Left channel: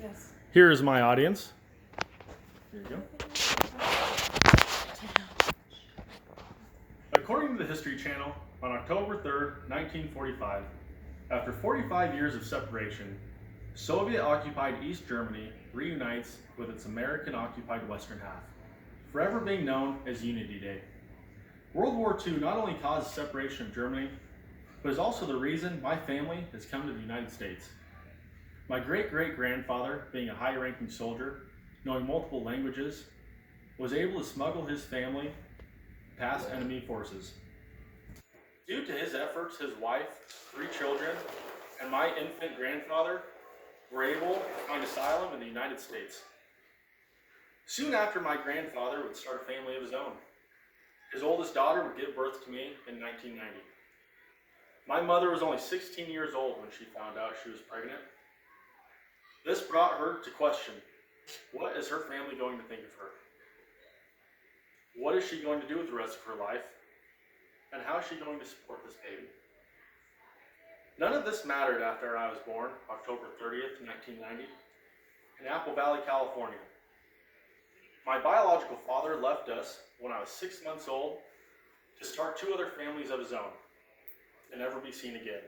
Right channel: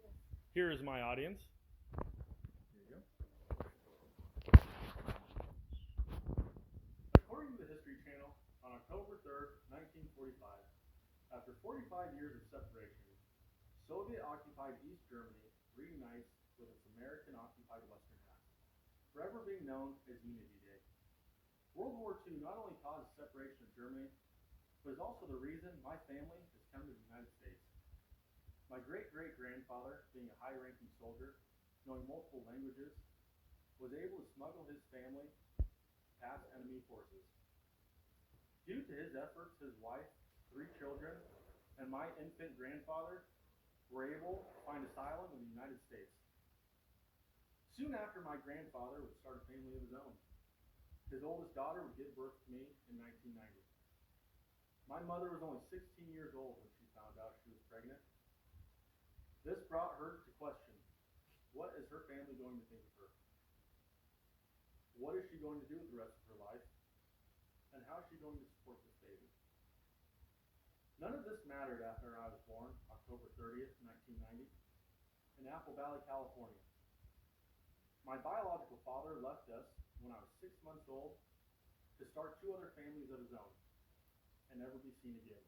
Yes. Here is my audience. Here you go. According to the History Channel, on October 3rd, 1945, after 45 years of separation, Soviet-occupied East Germany reunites with its American-occupied western half, forever being known as Unity Day. World War II not only caused separation of Germany, but is also the reason my family has come to the United States. My great-great-grandfather, being a high-ranking soldier, knowing multiple languages, was able to smuggle his family past enemy forces. Due to his efforts, his wife, 3 children, and my infant grandfather were able to find asylum in the United States. Soon after, my grandfather would start a family of his own. His oldest daughter would give birth to me in 1990. My mother was only 16 years old when she found out she was pregnant. This brought her to question, what is her family going to think of her? What is she going to do with the rest of her life? And how is she going to support this baby? None of this mattered after I was born, October 30th, 1990, in Apple Valley, California. My biological father left us when I was 6 months old to start 2 other families of his own and never be seen again.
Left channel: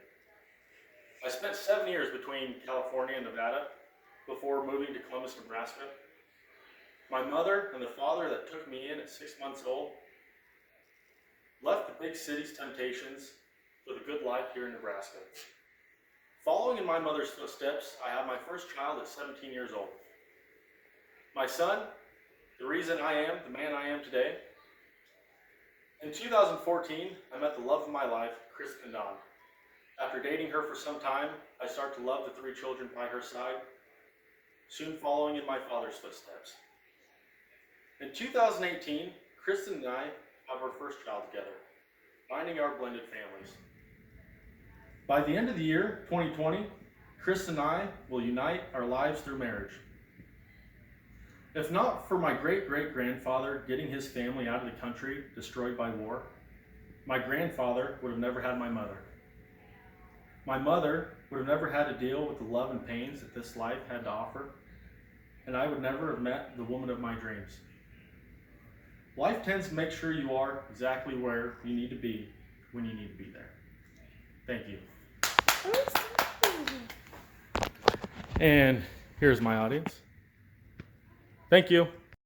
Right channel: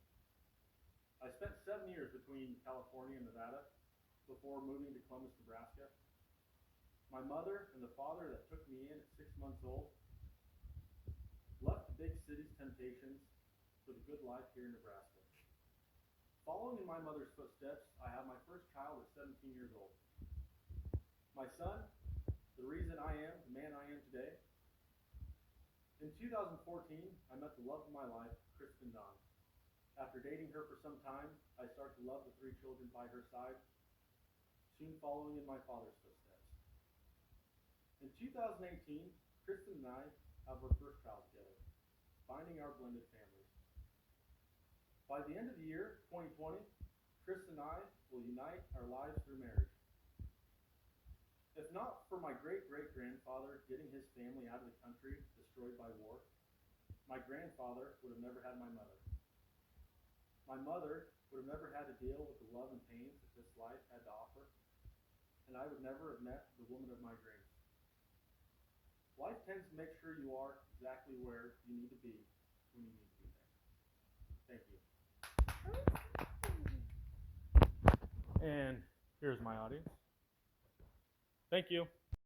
I spent 7 years between California and Nevada before moving to Columbus, Nebraska. My mother and the father that took me in at 6 months old left the big city's temptations for the good life here in Nebraska. Following in my mother's footsteps, I had my first child at 17 years old. My son, the reason I am the man I am today. In 2014, I met the love of my life, Kristen Dawn. After dating her for some time, I started to love the 3 children by her side, soon following in my father's footsteps. In 2018, Kristen and I have our first child together, finding our blended families. By the end of the year, 2020, Kristen and I will unite our lives through marriage. If not for my great-great-grandfather getting his family out of the country destroyed by war, my grandfather would have never had my mother. My mother would have never had to deal with the love and pains that this life had to offer, and I would never have met the woman of my dreams. Life tends to make sure you are exactly where you need to be when you need to be there. Thank you. And here's my audience. Thank you.